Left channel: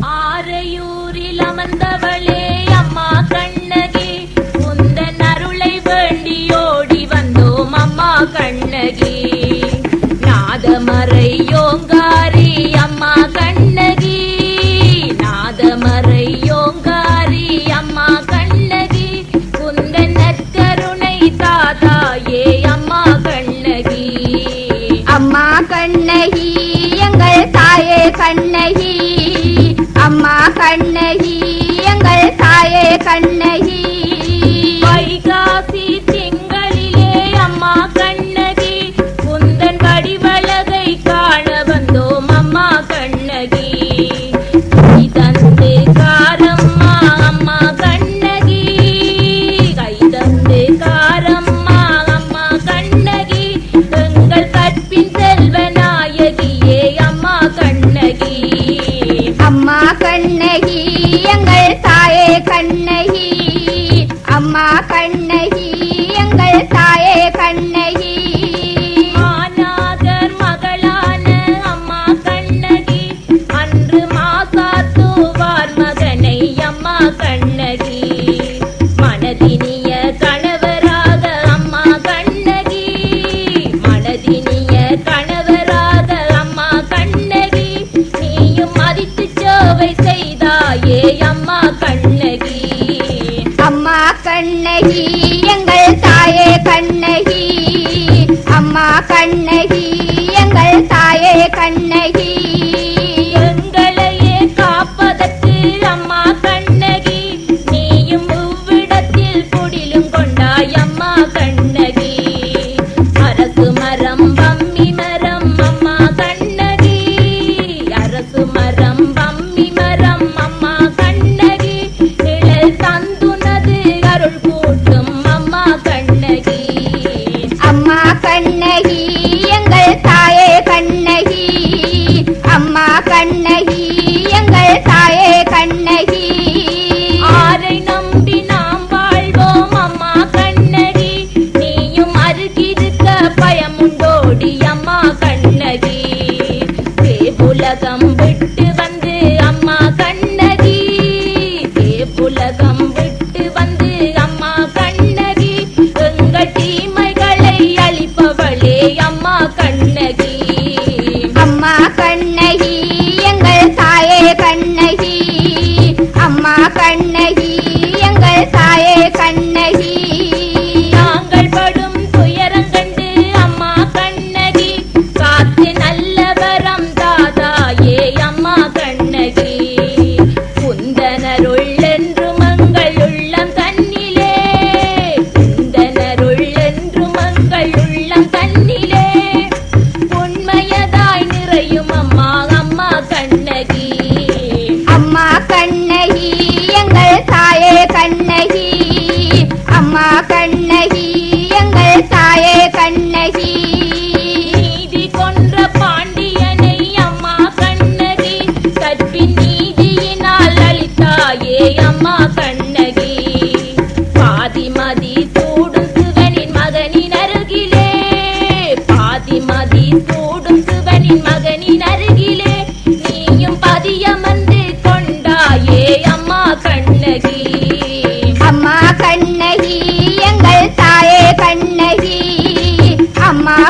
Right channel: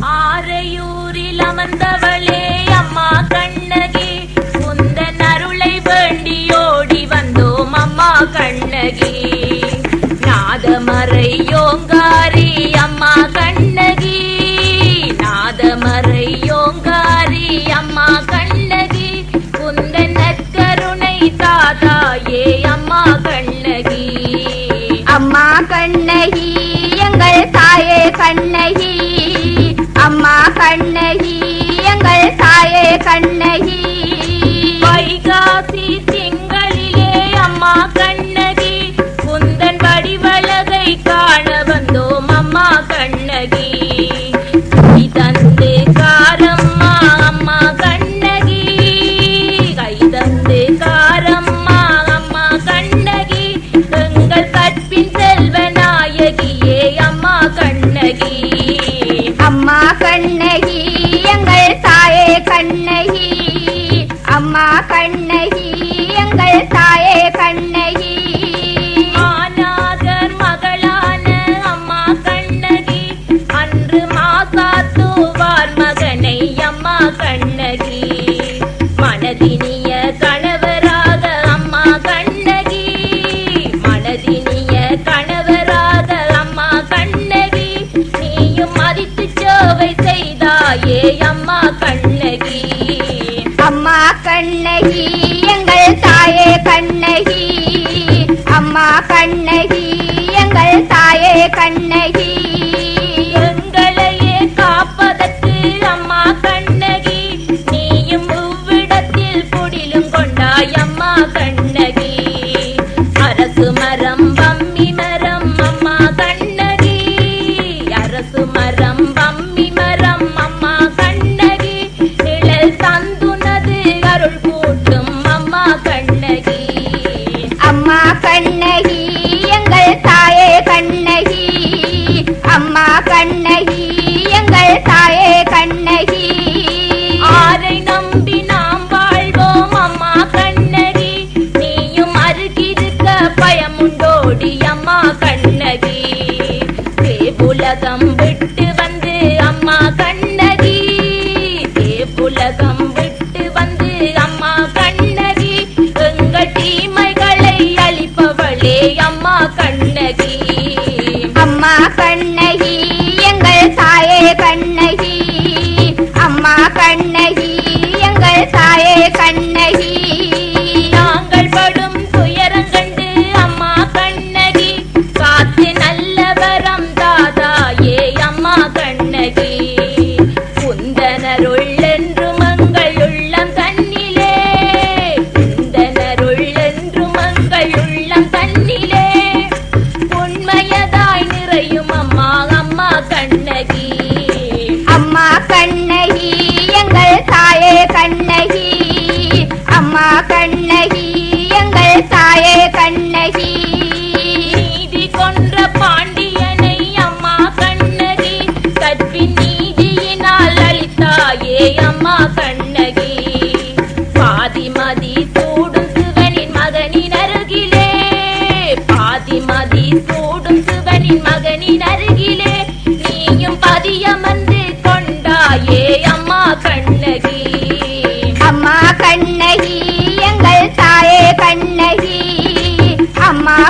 ஆரையூரில் அமர்ந்தவளே அம்மா கண்ணகி. உந்தன் அருளை வேண்டியோடி வந்தோம் அம்மா கண்ணகி. நாதமறை யோங்கா தாயே எங்கள் தாயே கண்ணை. அம்மா கண்ணகி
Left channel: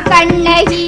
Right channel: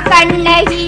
कण्णही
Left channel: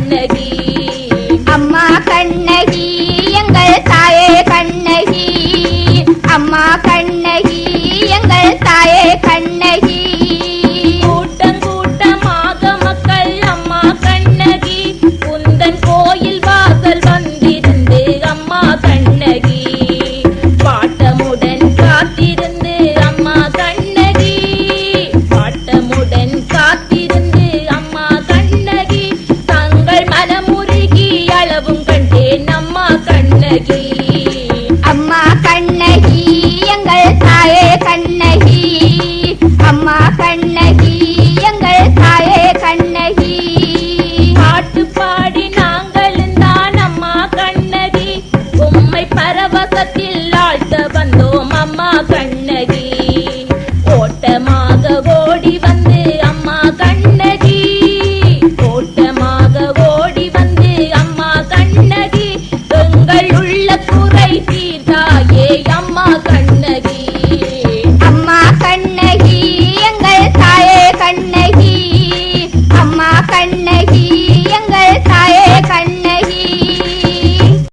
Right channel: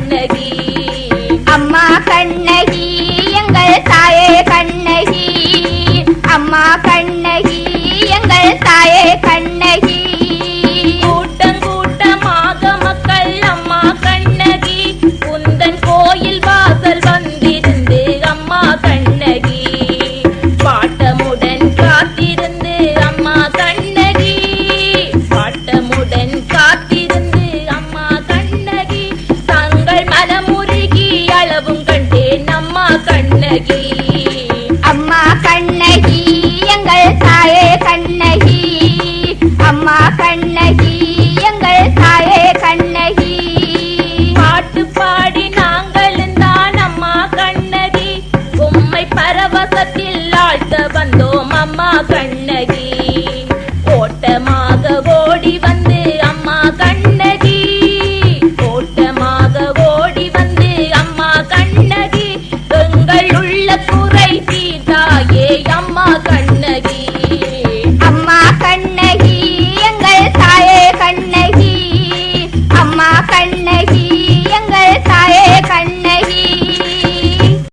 baby.